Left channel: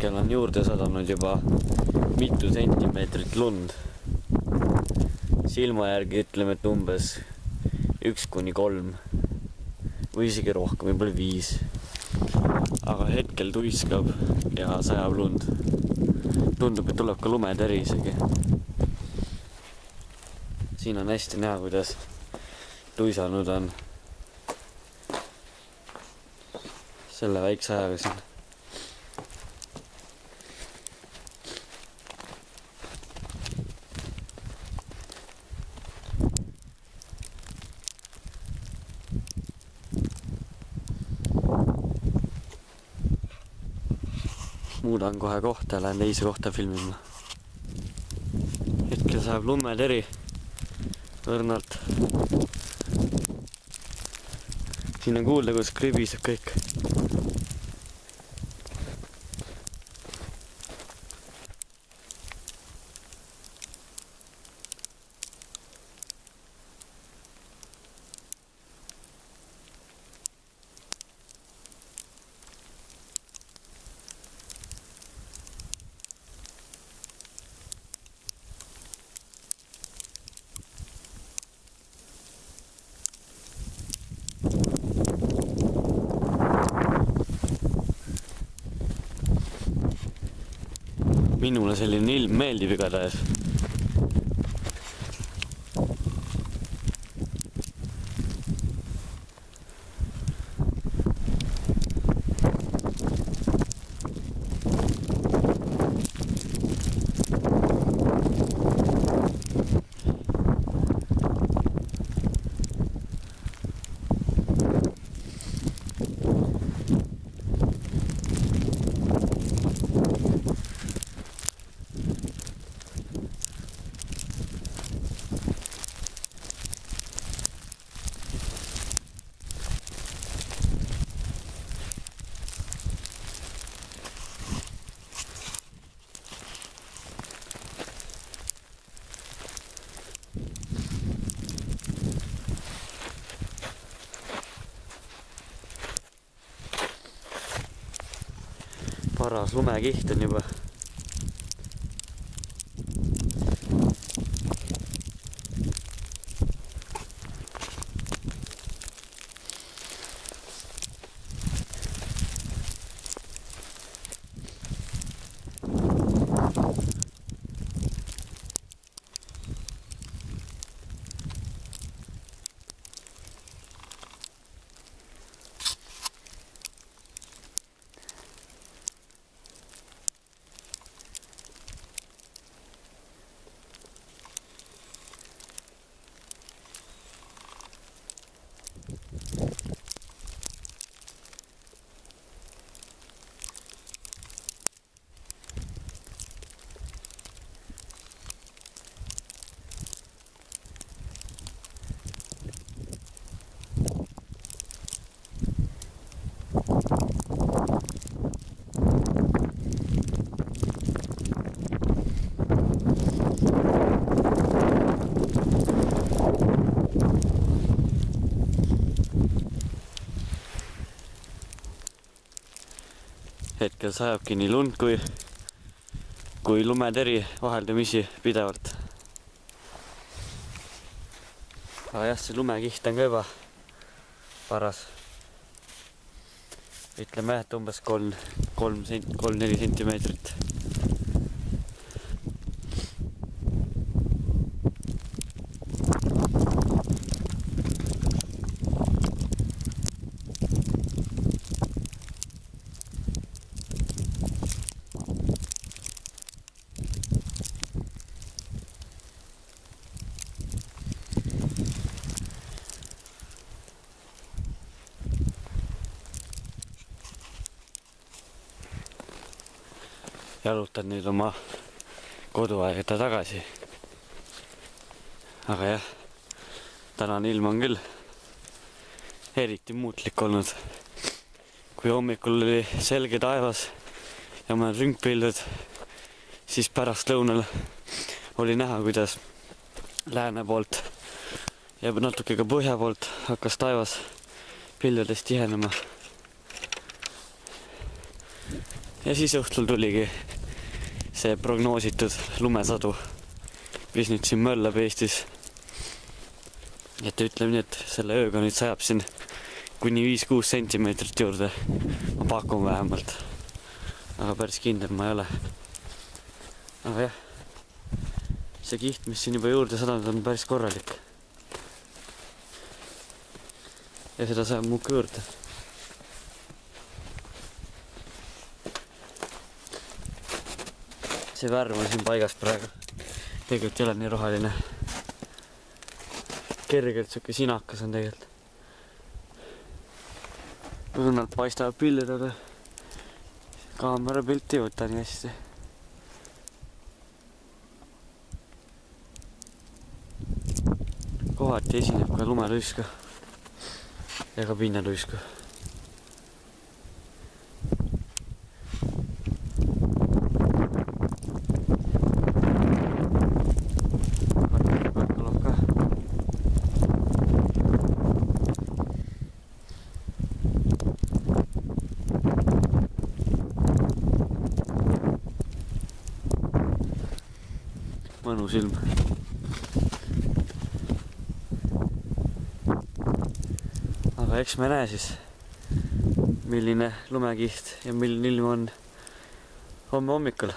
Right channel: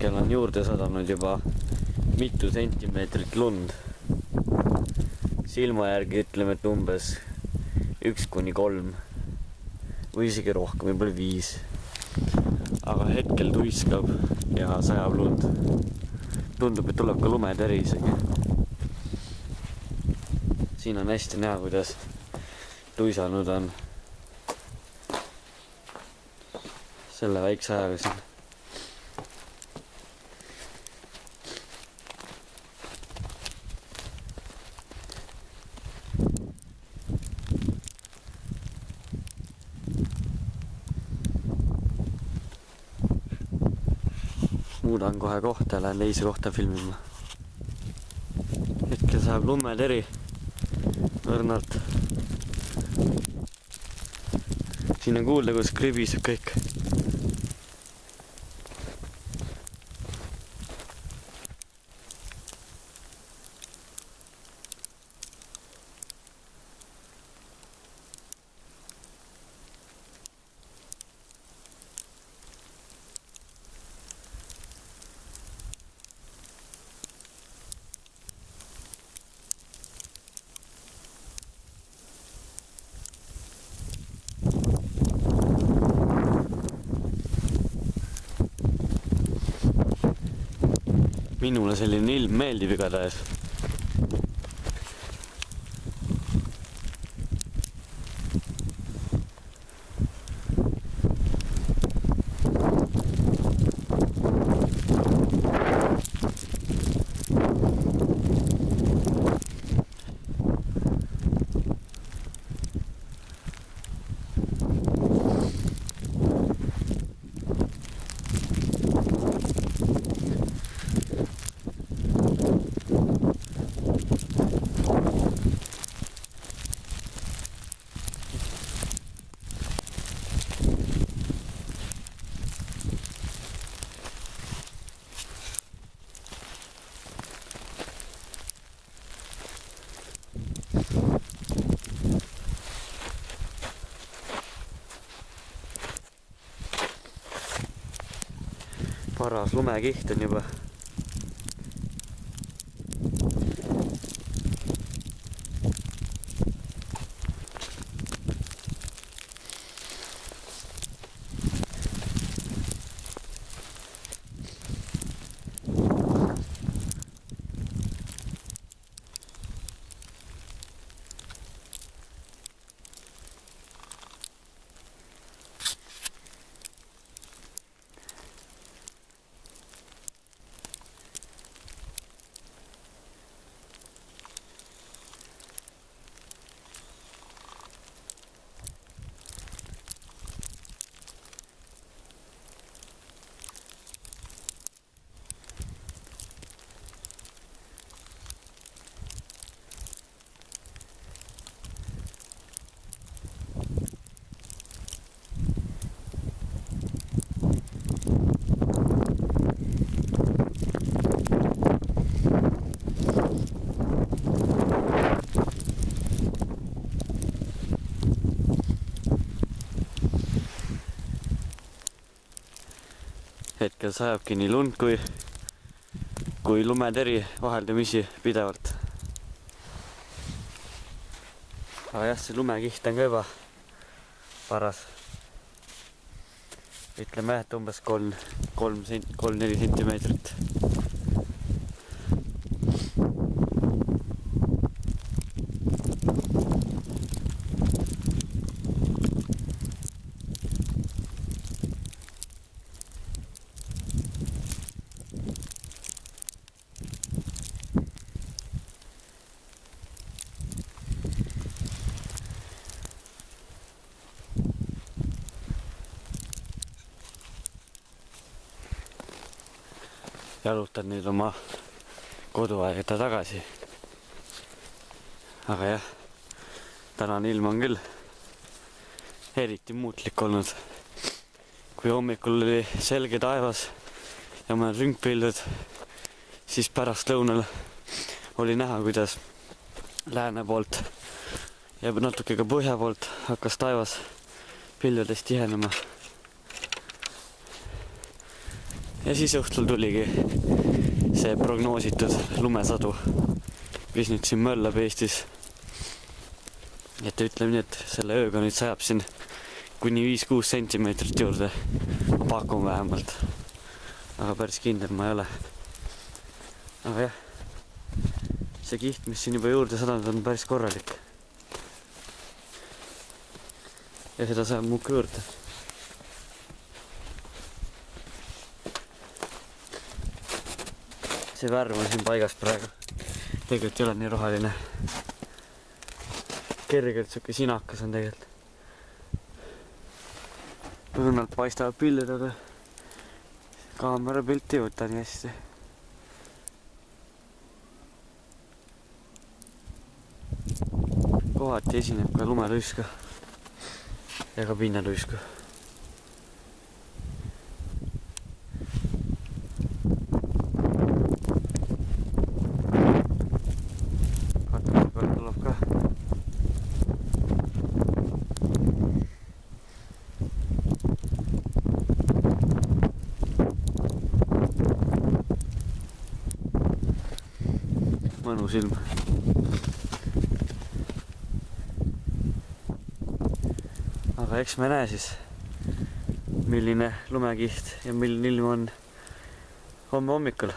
hetkel on juurde sadanud juba mitu sentimeetrit lund. Silma järgi ütleme, et umbes 1–3 või isegi rohkem, võib-olla 5. Aga hetkel tuiskab ja sajab lund. Tundub, et tuleb ka lumeteri isegi. Siin on hästi näha, kuidas tuisanud on selle väikse ajaga siin. Muudan kohe kohta ja lähen teise kohta filmima. Hetkel saab lumeteri õrnalt. Siin on kuulda, kus kribiseb kõik. Minule selline ilm meeldib igatahes. Paras lumekiht on juba. Hetkel sajabki nii lund kui lumeteri vaheldumisi pidevalt. Aga jah, see lumekiht on ka juba paras. Ütleme, et umbes 3–4 sentimeetrit. Jalutan nüüd oma koduaeda tagasi. Aga jah, tänane ilm on küll eriti muutlik olnud. Kui hommikul oli selge taevas ja mõned ringpildud, siis pärast lõunal oli näha, kuidas lääne poolt ja natuke ka põhja poolt hakkas taevas pildudest tihenema. ja siis õhtul tuligi see prognoositud lumesadu, mis nüüd siin möllab Eestis. Et ütleme nii, et selle ööga nüüd sajab siin kuni 5-6 sentimeetrit juurde. Ma pakun vähemalt. Aga päris kindel ma ei ole. Aga jah, see kiht, mis siin juba juurde sadanud, on päris korralik. Ja seda saab muka juurde. See värv on siin paigas praegu. Tegelikult ei ole nii roheline. Kergelt siuke sinakas on tegelikult. Õnnalt paistavad pildid, aga kaamera pilti ei võta nii hästi. Kohati esineb ka lumeluiska ja ka pinnaluiska. Mõnus ilm. Aga eks me näe siis, milline lumekiht ja milline ilm on homme hommikul.